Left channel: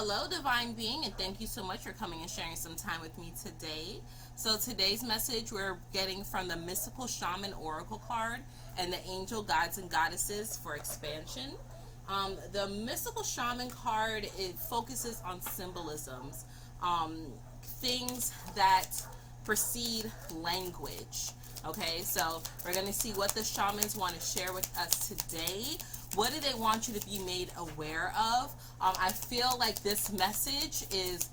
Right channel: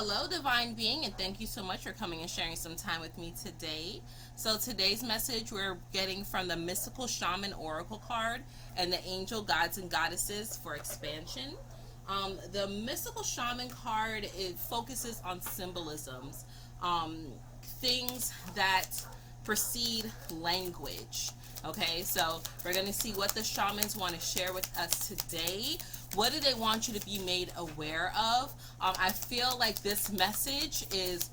Hello, Divine Being, and thank you so much for coming and sharing some time with me today. So, today's message we're getting from the Mystical Shaman Oracle card and the Angel Gods and Goddesses for expansion. The Mystical Shaman card, it focuses on symbolisms, things that precede language. Okay, so we're going to see what the shamans want to share with us today. What do they want you to be made aware of? I feel like this message is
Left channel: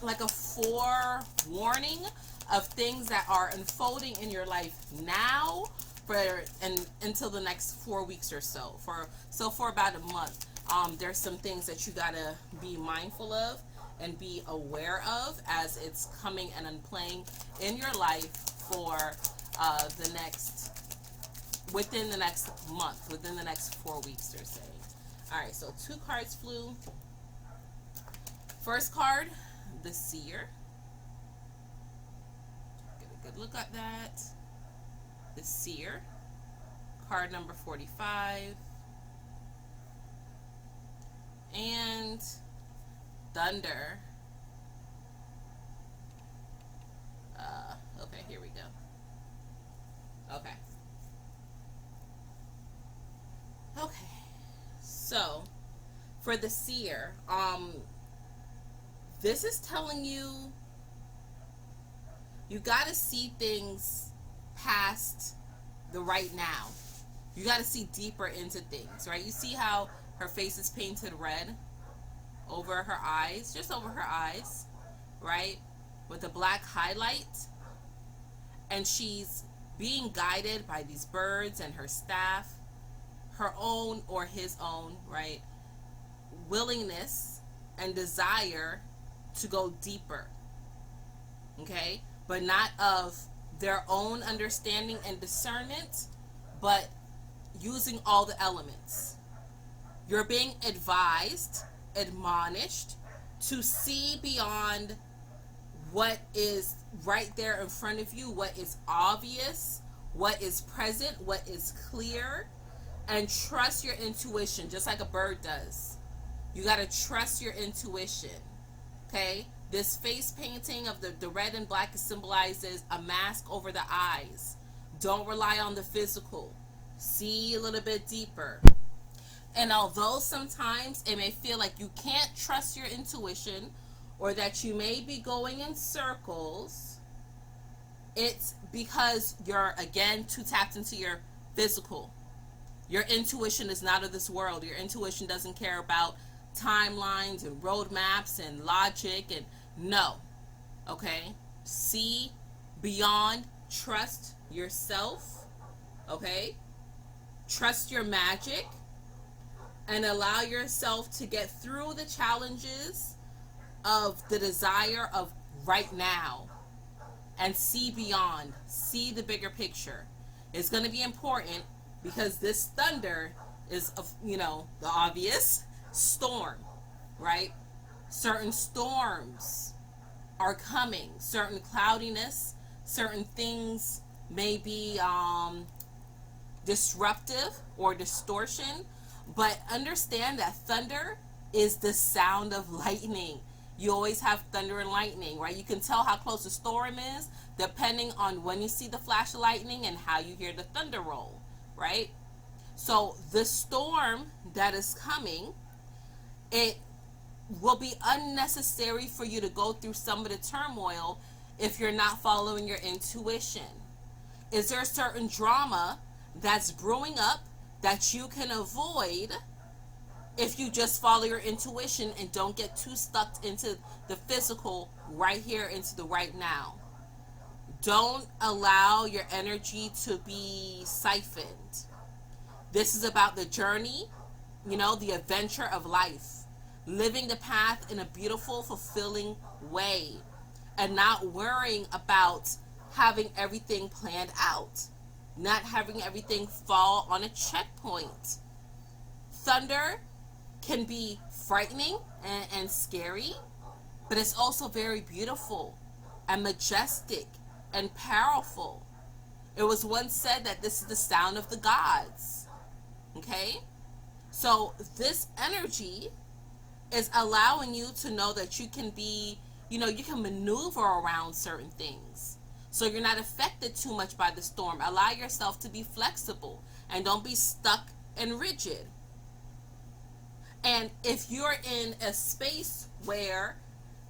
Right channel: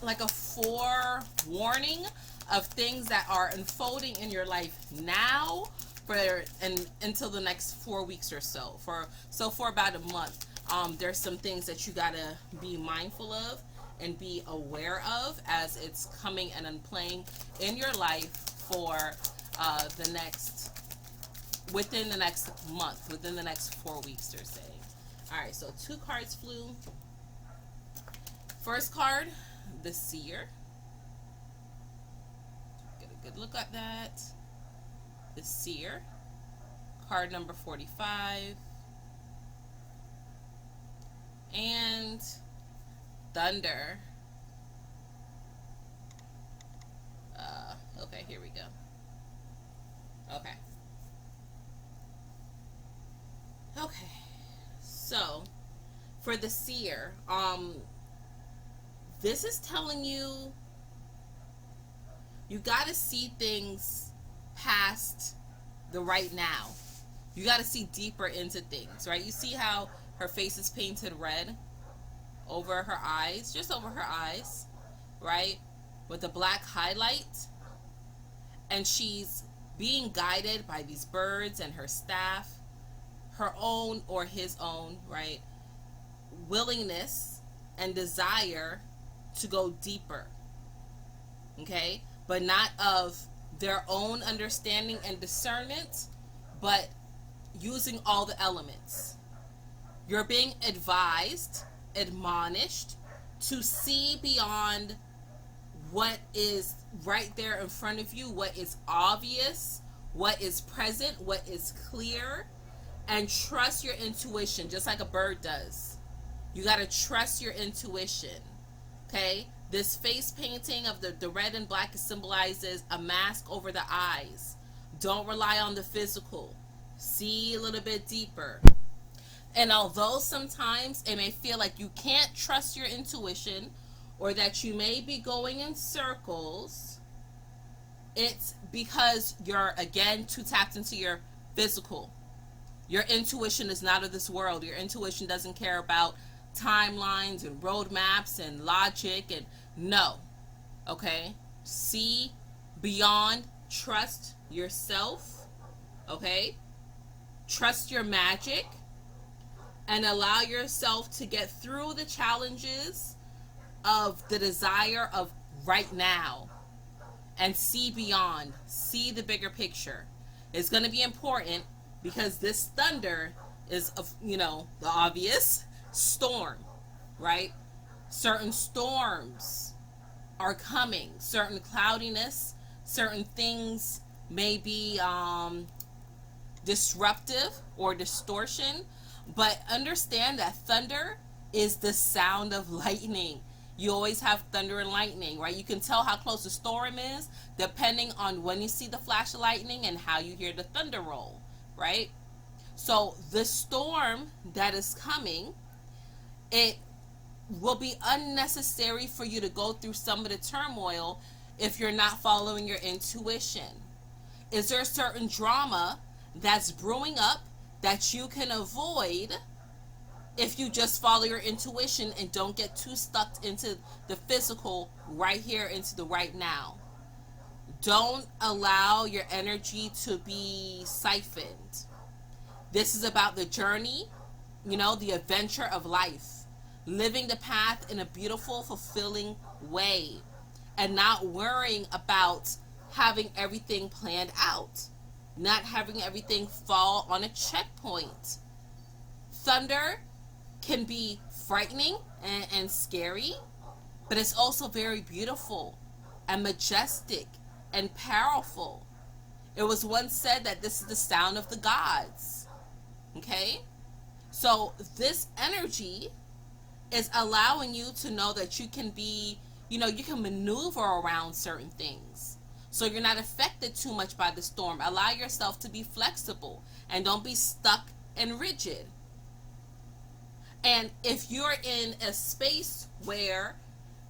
like a forewarning of things that are unfolding in your life now and until the next 4 weeks or so. For about a month, there's some things that you gotta be mindful of and be aware of as it's coming and playing in your life for within the next month, within the next 4 weeks, they're saying. All right, so 2 cards flew. First card, the Seer. Get a good look at that. The Seer. Card number 45. And Thunder. Okay, here we go. Okay. Okay. So, for the Seer, this is telling you got to see things past the right now. You got to see deeper into things, right? You see how her face is painted red over her eyes, just over her eyes, right? With a black highlight. And she's being guided by these birds and her staff, her own or his own, right? Willingness and desire to go deeper, okay? But not of their own understanding and discernment, but using all the elements. You're being advised, admonished to see beyond what is right there in front of you, what is obvious, what is present, what is clear, and trust your intuition just like a bird does. You got to trust your intuition, okay? This face painting of the red and black symbolizes a mask over the eyes. Don't rely on the physical. See a little bit deeper. And although sometimes it may feel like you can't trust your intuition or that you may be going in circles, it's because you're, again, too tapped into your physical. Your intuition is not of this world. Your intuition doesn't care about timelines and roadmaps and logic and no. Okay? See beyond, trust yourself. Okay? Trust your magic and allow yourself to get through the challenges of the desire of right now and see beyond, see the bigger picture. It's going to be important because this thunder is, the obvious storm, right? Certain storms are coming, certain cloudiness, certain things may be disruptive or distortion, but understand that thunder is the sound of lightning. You always have thunder and lightning, right? You can tell how close the storm is depending on when you see the flash of lightning and how you hear the thunder roll, right? So the storm that is coming, it will be unnecessary for you to go through some of the turmoil if you're not following your intuition. Is there a certain drama that's brewing up that you can avoid if you just follow your intuition and don't get too stuck into the physical right here, into the right now? Don't allow your energy to be siphoned. This is about the journey, the adventure of life. Living the path in a beautiful, fulfilling way. And not worrying about having everything planned out. Not having everything fall on a checkpoint. Thunder can be frightening and scary, but it's also very beautiful and majestic and powerful. It was once said that this is the sound of the gods. Okay? So this energy It's allowing you to know that you can be, you can maneuver around certain things. So you're not affected too much by the storm. Allow yourself to be flexible and don't be stuck and rigid. And if you're in a space where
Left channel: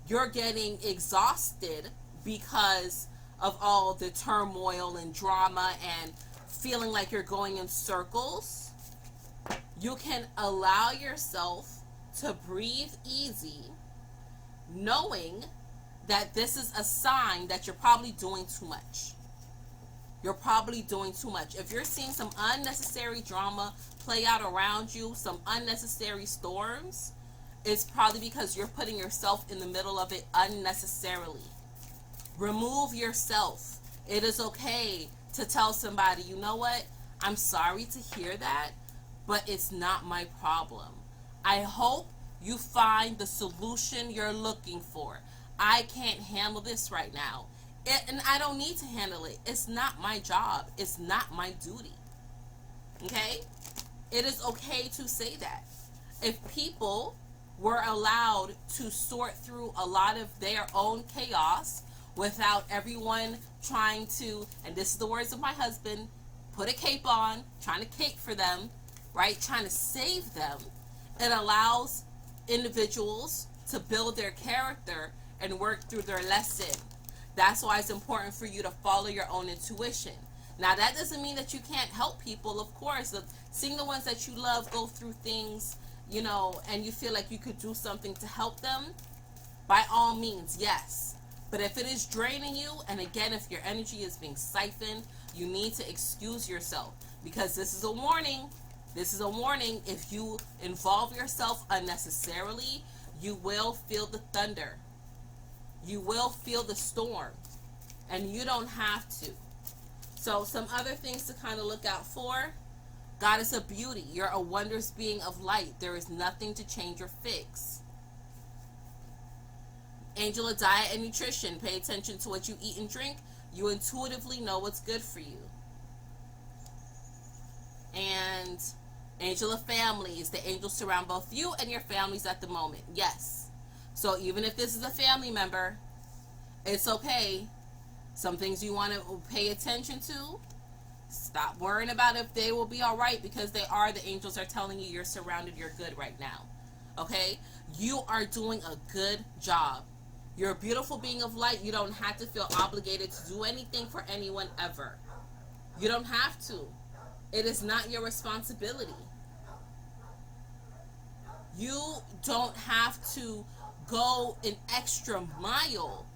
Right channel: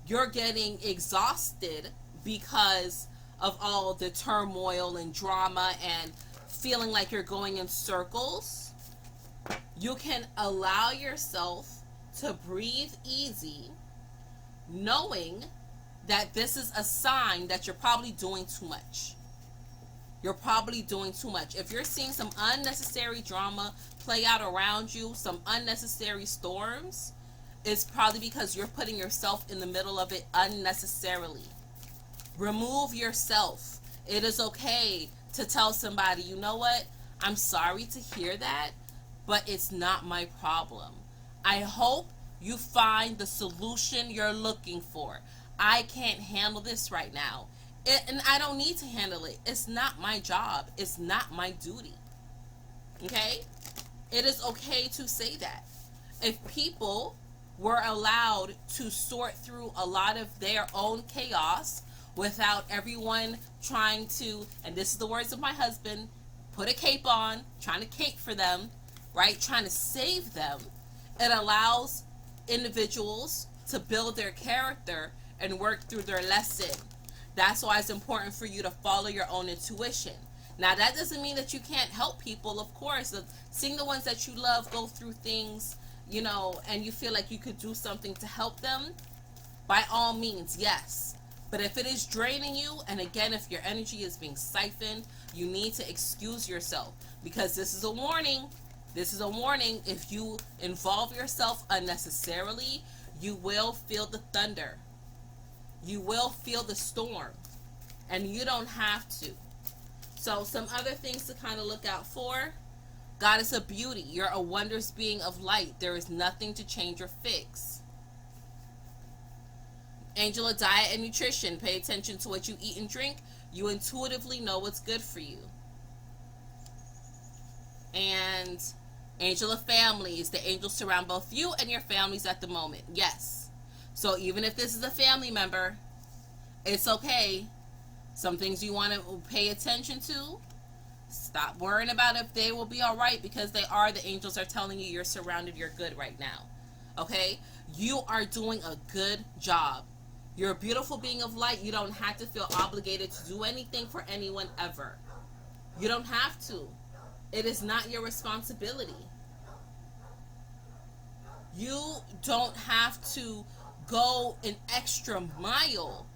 you're getting exhausted because of all the turmoil and drama and feeling like you're going in circles, you can allow yourself to breathe easy, knowing that this is a sign that you're probably doing too much. You're probably doing too much. If you're seeing some unnecessary drama play out around you, some unnecessary storms, it's probably because you're putting yourself in the middle of it unnecessarily. Remove yourself. It is okay to tell somebody, you know what? I'm sorry to hear that, but it's not my problem. I hope you find the solution you're looking for. I can't handle this right now. And I don't need to handle it. It's not my job. It's not my duty. Okay? It is okay to say that. If people were allowed to sort through a lot of their own chaos without everyone trying to, and this is the words of my husband, put a cape on, trying to cape for them, right? Trying to save them. It allows individuals to build their character and work through their lesson. That's why it's important for you to follow your own intuition. Now, that doesn't mean that you can't help people, of course. Seeing the ones that you love go through things, and you feel like you could do something to help them, by all means, yes. But if it is draining you, and again, if your energy is being siphoned, you need to excuse yourself, because this is a warning. This is a warning. If you involve yourself unnecessarily, you will feel the thunder. You will feel the storm, and you don't have to. So some other things to kind of look out for. Goddess of beauty, you're a wondrous being of light. There is nothing to change or fix. Angel of diet and nutrition, pay attention to what you eat and drink. You intuitively know what's good for you. And angel of family is the angels surround both you and your families at the moment. Yes. So even if this is a family member, it's okay. Some things you want to pay attention to. Stop worrying about if they will be all right, because they are. The angels are telling you you're surrounded, you're good right now. Okay? You are doing a good job. You're a beautiful being of light. You don't have to feel obligated to do anything for anyone ever. You don't have to. It is not your responsibility. You don't have to go an extra mile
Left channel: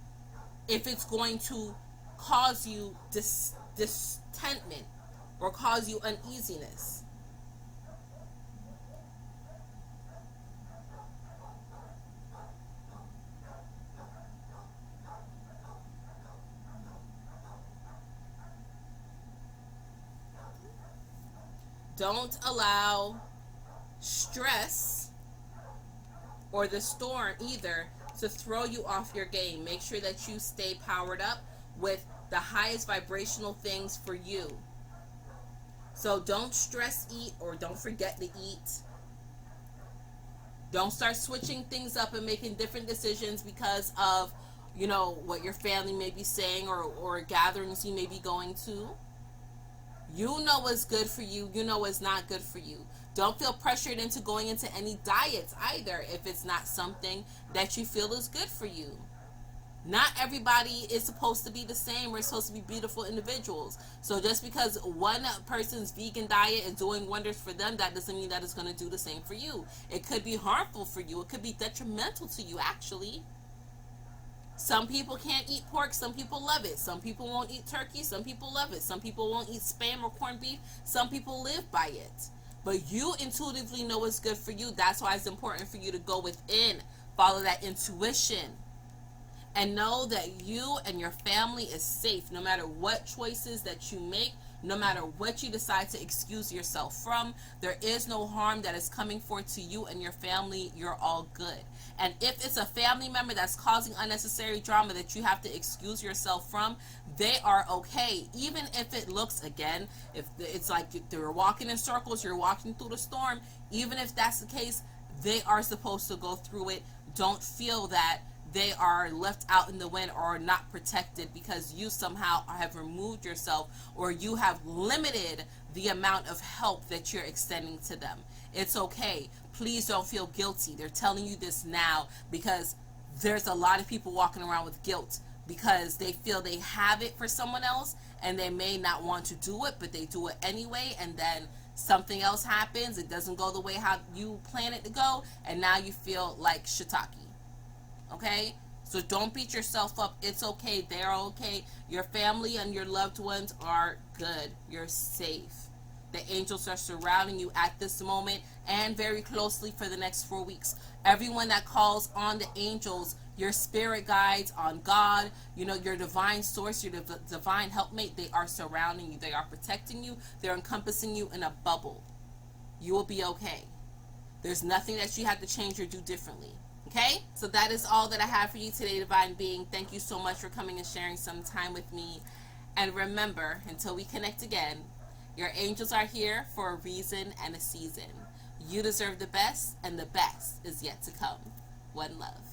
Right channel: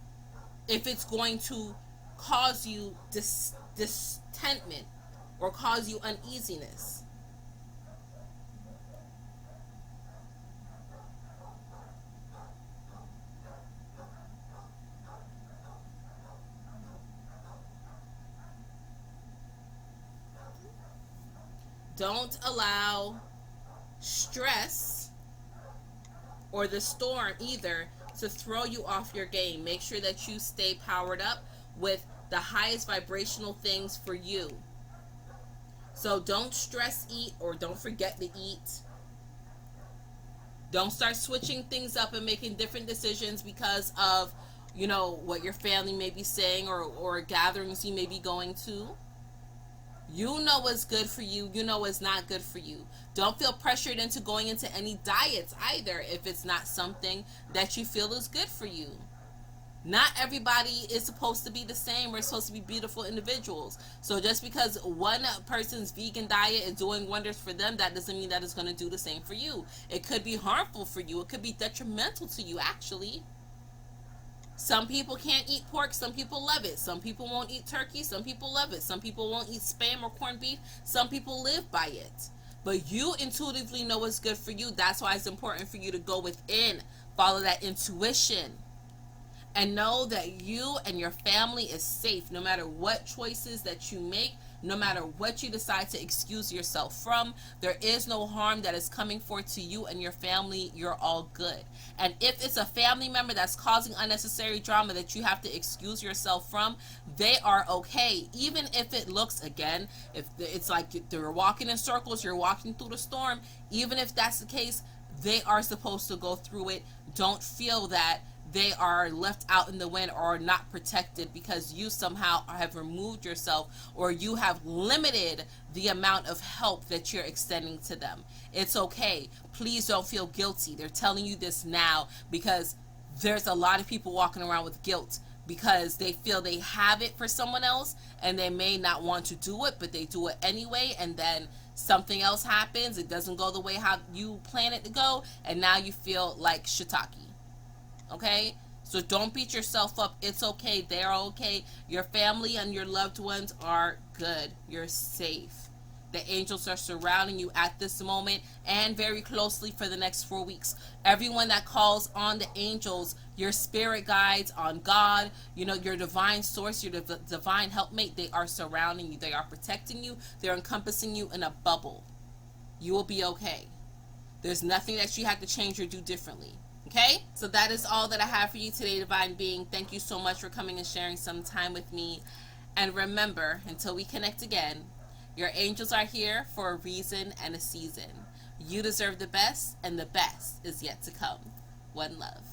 if it's going to cause you discontentment or cause you uneasiness. Don't allow stress or the storm either to throw you off your game. Make sure that you stay powered up with the highest vibrational things for you. So don't stress eat, or don't forget to eat. Don't start switching things up and making different decisions because of, what your family may be saying, or gatherings you may be going to. You know what's good for you. You know what's not good for you. Don't feel pressured into going into any diets either if it's not something that you feel is good for you. Not everybody is supposed to be the same. We're supposed to be beautiful individuals. So just because one person's vegan diet is doing wonders for them, that doesn't mean that it's going to do the same for you. It could be harmful for you. It could be detrimental to you, actually. Some people can't eat pork. Some people love it. Some people won't eat turkey. Some people love it. Some people won't eat spam or corned beef. Some people live by it. But you intuitively know what's good for you. That's why it's important for you to go within, follow that intuition, and know that you and your family is safe no matter what choices that you make, no matter what you decide to excuse yourself from. There is no harm that is coming forth to you and your family. You're all good. And if it's a family member that's causing unnecessary drama that you have to excuse yourself from, they are okay. Even if it looks, again, if it's like they're walking in circles, you're walking through the storm, even if that's the case, They are supposed to go through it. Don't feel that they are left out in the wind or not protected because you somehow have removed yourself or you have limited the amount of help that you're extending to them. It's okay. Please don't feel guilty. They're telling you this now because there's a lot of people walking around with guilt because they feel they have it for someone else and they may not want to do it, but they do it anyway, and then something else happens. It doesn't go the way how you plan it to go, and now you feel like shiitake. Okay? So don't beat yourself up. It's okay. They're okay. Your family and your loved ones are good. You're safe. The angels are surrounding you at this moment and very closely for the next 4 weeks. Everyone that calls on the angels, your spirit guides, on God, your divine source, your divine helpmate, they are surrounding you. They are protecting you. They're encompassing you in a bubble. You will be okay. There's nothing that you have to change or do differently. Okay? So that is all that I have for you today, Divine Being. Thank you so much for coming and sharing some time with me. And remember, until we connect again, your angels are here for a reason and a season. You deserve the best, and the best is yet to come. One love.